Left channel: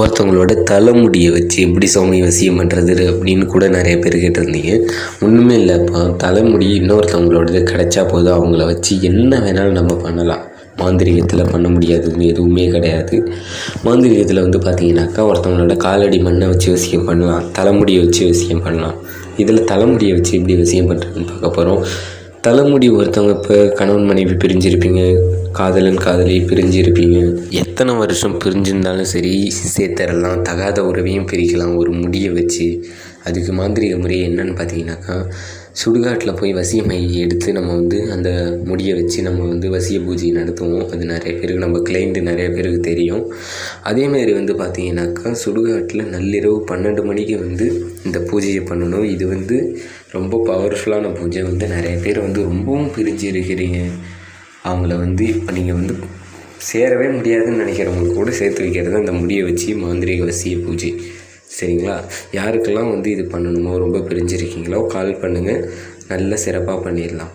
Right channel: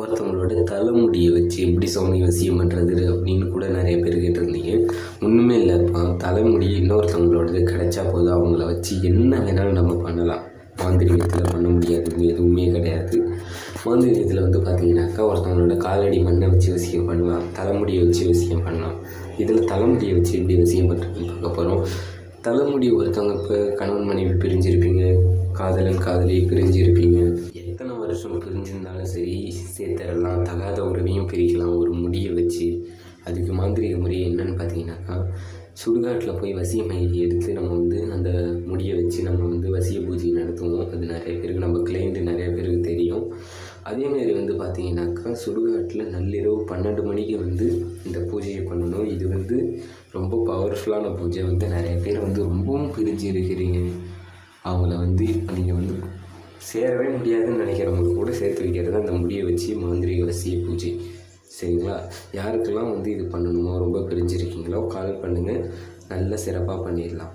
ஒருத்தவங்களோட தலைமுடியை வச்சு எப்படி சாமி வசியம் பண்ணுறது அப்படின்னு கூட நிறைய பேர் கேட்டிருந்தீங்க. ஒன்றுமே இல்லைப்பா, தலைமுடி இன்னொருத்தவங்களோடது கிடைச்சா போதும், அவங்கள வச்சு என்ன வேணாலும் நம்ம பண்ணலாம். மாந்திரிகத்தில் பண்ண முடியாதது எதுவுமே கிடையாது. மாந்திரிகத்தில் வந்து பார்த்தீங்கன்னாக்கா ஒருத்தவங்களோட காலடி மண்ணை வச்சு வசியம் பண்ணலாம், தலைமுடியை வச்சு வசியம் பண்ணலாம். இதில் தலைமுடியை வச்சு எப்படி வசியம் பண்ணுறதுன்னு பார்க்க போகிறோம். தலைமுடி ஒருத்தவங்க இப்போ கணவன் மனைவி பிரிஞ்சிருப்பீங்க, காதலன் காதலி பிரிஞ்சிருப்பீங்க, எத்தனை வருஷம் பிரிஞ்சிருந்தாலும் சரி சேர்த்துடலாம், தகாத உறவையும் பிரிக்கலாம் ஒரு முடியை வச்சு. அதுக்கு மாந்திரிக முறை என்னன்னு பார்த்தீங்கன்னாக்கா, சுடுகாட்டில் போய் வசியமை எடுத்து நம்ம வந்து அந்த முடியை வச்சு நம்ம வந்து வசிய பூஜை நடத்துவோம். அது நிறைய பேருக்கு நம்ம கிளைண்ட்டு நிறைய பேருக்கு தெரியும். அதேமாரி வந்து பார்த்தீங்கன்னாக்கா சுடுகாட்டில் நள்ளிரவு 12 மணிக்கு வந்து இந்த பூஜையை பண்ணணும். இது வந்து ரொம்ப பவர்ஃபுல்லான பூஜை. வந்து நிறைய பேர் வந்து ரொம்பவும் பிரிஞ்சு இருக்கிறீங்க, அவங்கள வந்து இப்போ நீங்கள் வந்து சேரவே முடியாதுன்னு நினைக்கிறவங்களுக்கு கூட சேர்த்து வைக்கிறது அந்த முடியை வச்சு மாந்திரிக வசிய பூஜை. சரிங்களா? யாருக்கெல்லாம் வந்து இது பண்ணணுமோ, ரொம்ப பிரிஞ்சிருக்கீங்களோ கால் பண்ணுங்கள், நல்ல சிறப்பாக பண்ணிடலாம்.